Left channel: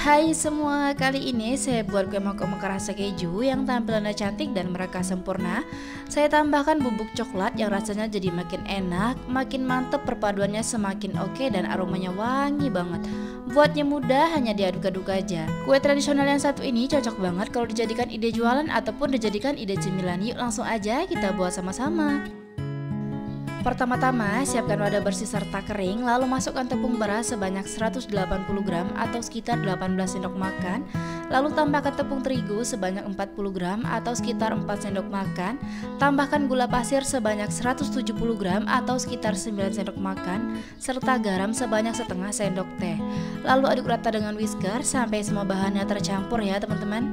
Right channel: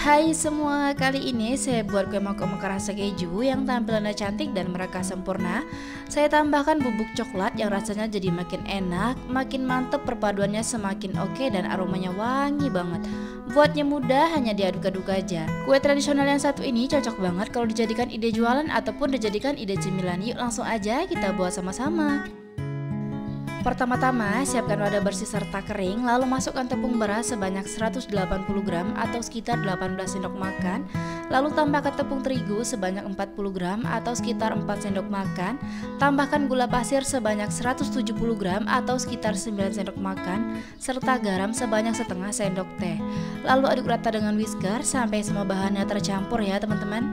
Hai semua, kali ini saya buat kue mangkok rasa keju yang tampilannya cantik dan mereka sempurna. Saya tambahkan bubuk coklat yang rasanya jadi makin enak, makin mantep, perpaduannya semakin oke dan aromanya wangi banget. Buatnya mudah, hanya diaduk-aduk aja. Kue tradisional yang satu ini cocok banget kalau dijadikan ide jualan ataupun dijadikan ide cemilan. Yuk langsung aja kita buat sama-sama. Pertama-tama, siapkan wadah bersih serta kering, lalu masukkan tepung beras sebanyak 180 gram atau sekitar 18 sendok makan, lalu tambahkan tepung terigu sebanyak 40 gram atau sekitar 4 sendok makan, tambahkan gula pasir sebanyak 170 gram atau sekitar 9 sendok makan, serta garam sebanyak setengah sendok teh. Lalu aduk rata dengan whisker sampai semua bahannya tercampur ya teman-teman.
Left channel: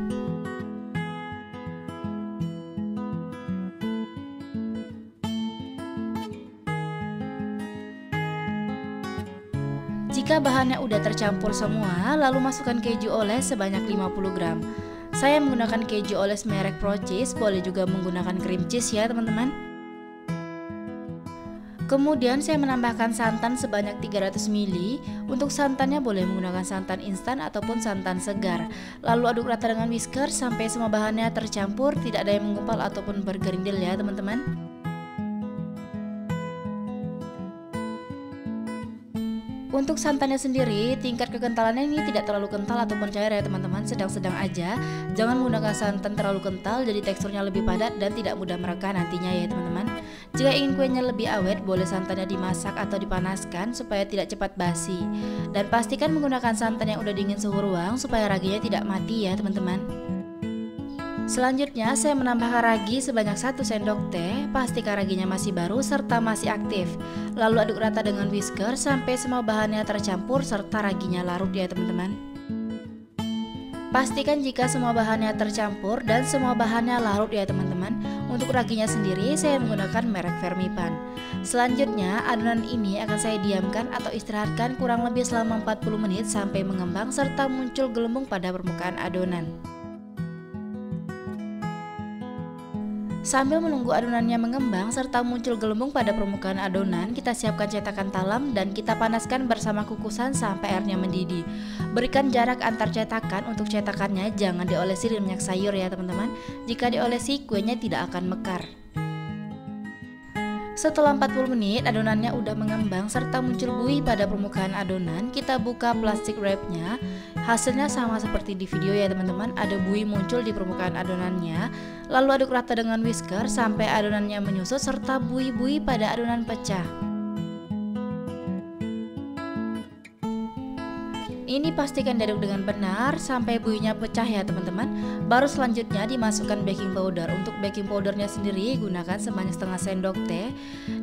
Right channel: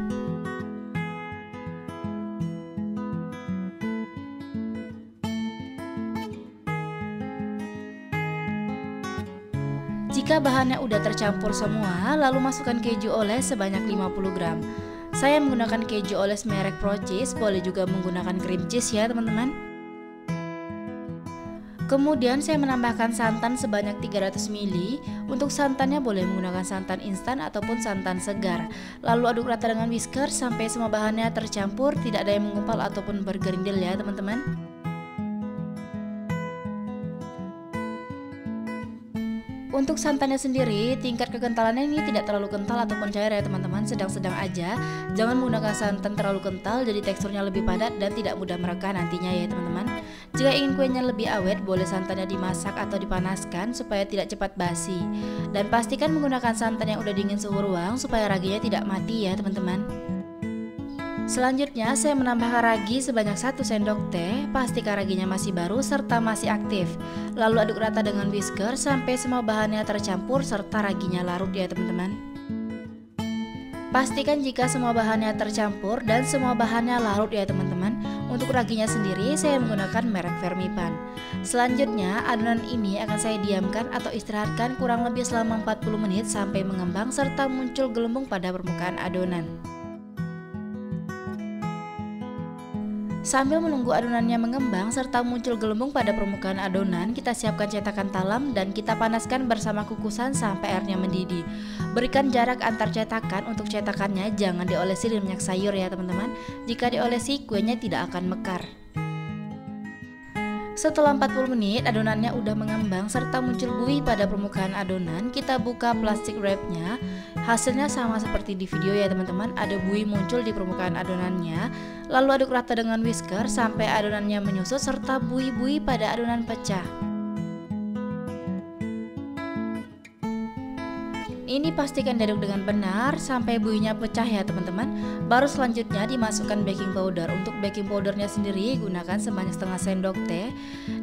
Jika bahannya udah tercampur semua, lalu masukkan keju oles sebanyak 50 gram. Saya menggunakan keju oles merek Pro Cheese, boleh juga menggunakan cream cheese ya teman-teman. Kemudian saya menambahkan santan sebanyak 300 ml. Untuk santannya boleh menggunakan santan instan ataupun santan segar. Lalu aduk rata dengan whisker sampai semua bahannya tercampur, tidak ada yang menggumpal ataupun bergerindil ya teman-teman. Untuk santannya sendiri, tingkat kekentalannya ini tidak terlalu kental ataupun cair ya teman-teman, sedang-sedang aja. Jangan menggunakan santan terlalu kental, jadi teksturnya lebih padat dan tidak mudah merekah nantinya ya teman-teman. Jika ingin kuenya lebih awet, boleh santannya dimasak atau dipanaskan supaya tidak cepat basi. Dan pastikan menggunakan santan yang udah dingin suhu ruang supaya raginya tidak mati ya teman-teman. Selanjutnya saya menambahkan ragi sebanyak 1 sendok teh, pastikan raginya masih baru serta masih aktif. Lalu aduk rata dengan whisker sampai semua bahannya tercampur serta raginya larut ya teman-teman. Pastikan jika semua bahannya tercampur dan semua bahannya larut ya teman-teman. Untuk raginya sendiri saya menggunakan merek Fermipan. Selanjutnya adonan ini akan saya diamkan atau istirahatkan kurang lebih selama 40 menit sampai mengembang serta muncul gelembung pada permukaan adonan. Sambil menunggu adonannya mengembang serta muncul gelembung pada permukaan adonan, kita siapkan cetakan talam dan kita panaskan bersama kukusan sampai airnya mendidih. Berikan jarak antar cetakan, untuk cetakannya jangan diolesi dengan minyak sayur ya teman-teman. Jika diolesi, kuenya tidak akan mekar. Setelah 40 menit adonannya udah mengembang serta muncul buih pada permukaan adonan, kita buka plastik wrapnya. Hasilnya sama seperti di video ya teman-teman, ada buih muncul di permukaan adonannya. Lalu aduk rata dengan whisker sampai adonannya menyusut serta buih-buih pada adonan pecah. Ini pastikan diaduk dengan benar sampai buihnya pecah ya teman-teman. Baru selanjutnya dimasukkan baking powder. Untuk baking powdernya sendiri gunakan sebanyak setengah sendok teh.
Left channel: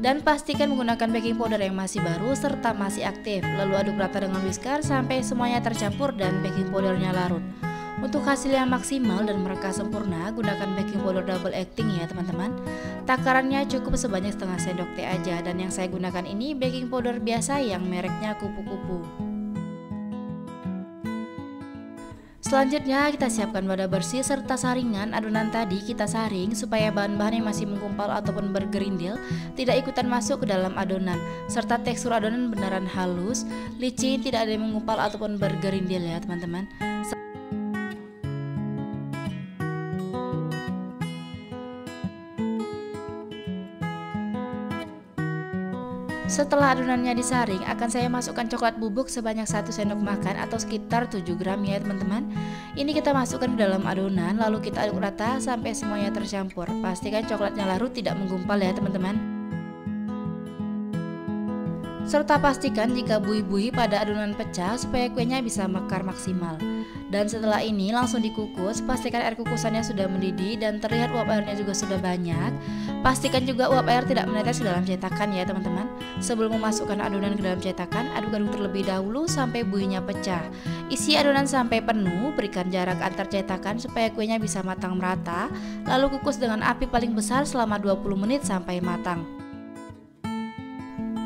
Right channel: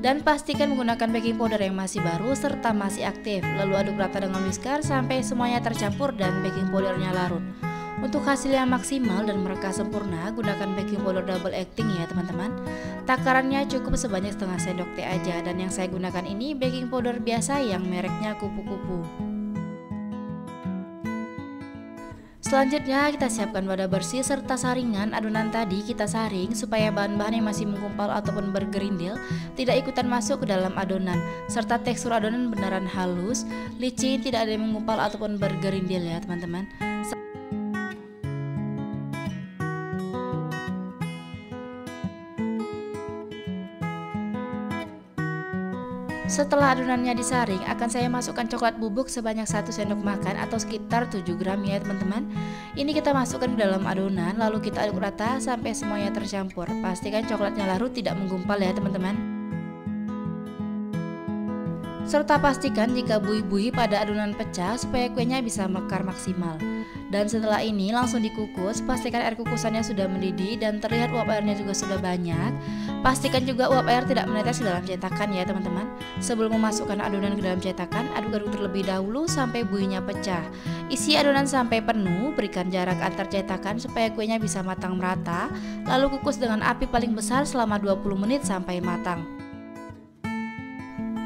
Dan pastikan menggunakan baking powder yang masih baru serta masih aktif. Lalu aduk rata dengan whisker sampai semuanya tercampur dan baking powdernya larut. Untuk hasil yang maksimal dan merekah sempurna, gunakan baking powder double acting ya teman-teman. Takarannya cukup sebanyak setengah sendok teh aja. Dan yang saya gunakan ini baking powder biasa yang mereknya kupu-kupu. Selanjutnya kita siapkan wadah bersih serta saringan adonan tadi kita saring supaya bahan-bahan yang masih menggumpal ataupun bergerindil tidak ikutan masuk ke dalam adonan, serta tekstur adonan beneran halus, licin, tidak ada yang menggumpal ataupun bergerindil ya teman-teman. Setelah adonannya disaring, akan saya masukkan coklat bubuk sebanyak 1 sendok makan atau sekitar 7 gram ya teman-teman. Ini kita masukkan ke dalam adonan, lalu kita aduk rata sampai semuanya tercampur. Pastikan coklatnya larut, tidak menggumpal ya teman-teman. Serta pastikan jika buih-buih pada adonan pecah supaya kuenya bisa mekar maksimal. Dan setelah ini langsung dikukus, pastikan air kukusannya sudah mendidih dan terlihat uap airnya juga sudah banyak. Pastikan juga uap air tidak menetes ke dalam cetakan ya teman-teman. Sebelum memasukkan adonan ke dalam cetakan, aduk-aduk terlebih dahulu sampai buihnya pecah. Isi adonan sampai penuh, berikan jarak antar cetakan supaya kuenya bisa matang merata. Lalu kukus dengan api paling besar selama 20 menit sampai matang.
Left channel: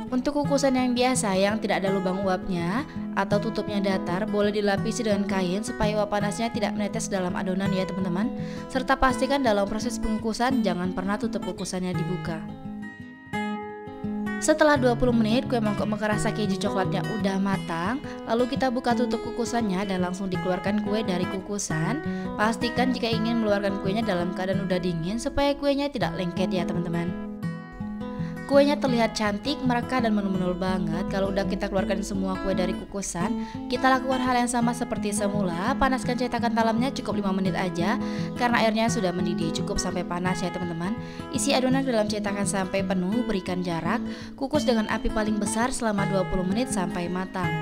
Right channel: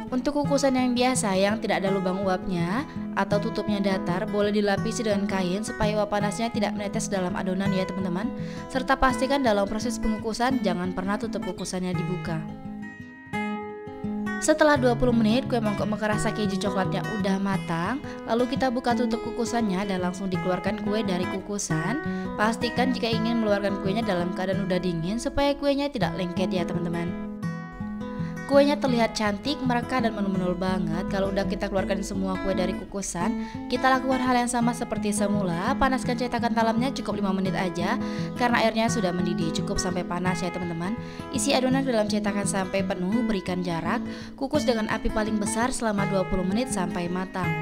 Untuk kukusan yang biasa yang tidak ada lubang uapnya atau tutupnya datar, boleh dilapisi dengan kain supaya uap panasnya tidak menetes dalam adonan ya teman-teman. Serta pastikan dalam proses pengukusan jangan pernah tutup kukusannya dibuka. Setelah 20 menit kue mangkok mekar rasa keju coklatnya udah matang, lalu kita buka tutup kukusannya dan langsung dikeluarkan kue dari kukusan. Pastikan jika ingin mengeluarkan kuenya dalam keadaan udah dingin supaya kuenya tidak lengket ya teman-teman. Kuenya terlihat cantik, mereka dan menul-menul banget. Kalau udah kita keluarkan semua kue dari kukusan, kita lakukan hal yang sama seperti semula. Panaskan cetakan talamnya cukup 5 menit aja, karena airnya sudah mendidih. Cukup sampai panas ya teman-teman. Isi adonan ke dalam cetakan sampai penuh, berikan jarak. Kukus dengan api paling besar selama 20 menit sampai matang.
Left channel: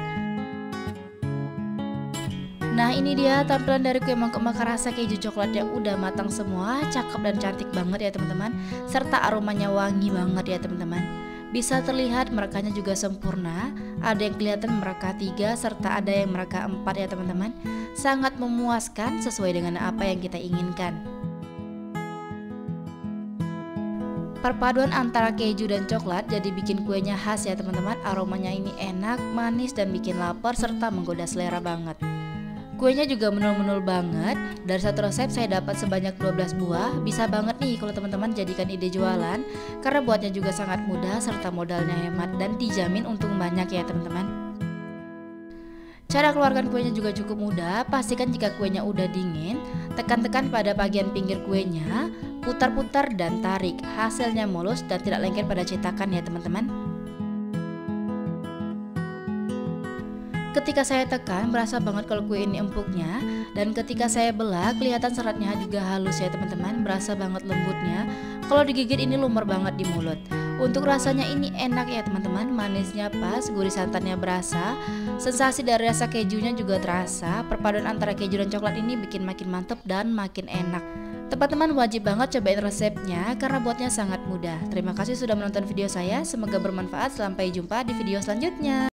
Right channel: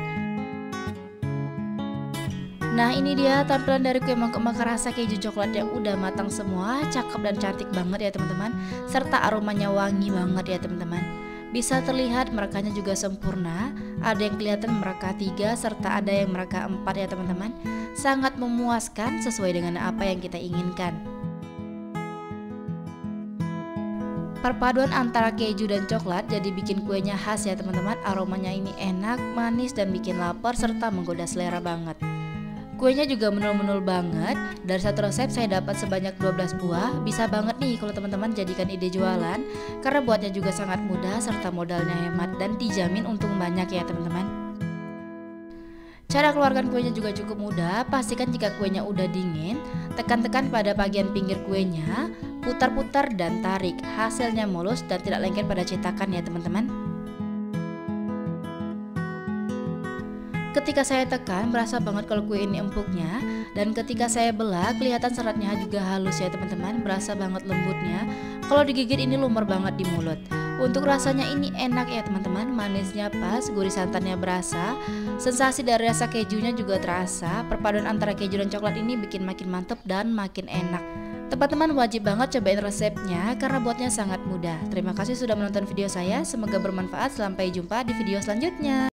Nah ini dia tampilan dari kue mangkok mekar rasa keju coklatnya udah matang semua, cakep dan cantik banget ya teman-teman, serta aromanya wangi banget ya teman-teman. Bisa terlihat merekanya juga sempurna, ada yang kelihatan mereka 3 serta ada yang mereka 4 ya teman-teman. Sangat memuaskan sesuai dengan apa yang kita inginkan. Perpaduan antara keju dan coklat jadi bikin kuenya khas ya teman-teman. Aromanya ini enak, manis dan bikin lapar serta menggoda selera banget. Kuenya juga menul-menul banget. Dari satu resep saya dapat sebanyak 12 buah. Bisa banget nih kalau teman-teman jadikan ide jualan, karena buatnya juga sangat mudah serta modalnya hemat dan dijamin untung banyak ya teman-teman. Cara keluarkan kuenya juga cukup mudah. Pastikan jika kuenya udah dingin, tekan-tekan pada bagian pinggir kuenya, putar-putar dan tarik. Hasilnya mulus dan tidak lengket pada cetakan ya teman-teman. Ketika saya tekan, berasa banget kalau kue ini empuknya, dan ketika saya belah kelihatan seratnya juga halus ya teman-teman, berasa banget lembutnya. Kalau digigit ini lumer banget di mulut. Untuk rasanya ini enak ya teman-teman, manisnya pas, gurih santannya berasa, sensasi dari rasa kejunya juga terasa. Perpaduan antara keju dan coklat ini bikin makin mantep dan makin enak. Teman-teman wajib banget cobain resepnya karena buatnya sangat mudah. Terima kasih sudah menonton video saya, semoga bermanfaat. Sampai jumpa di video selanjutnya.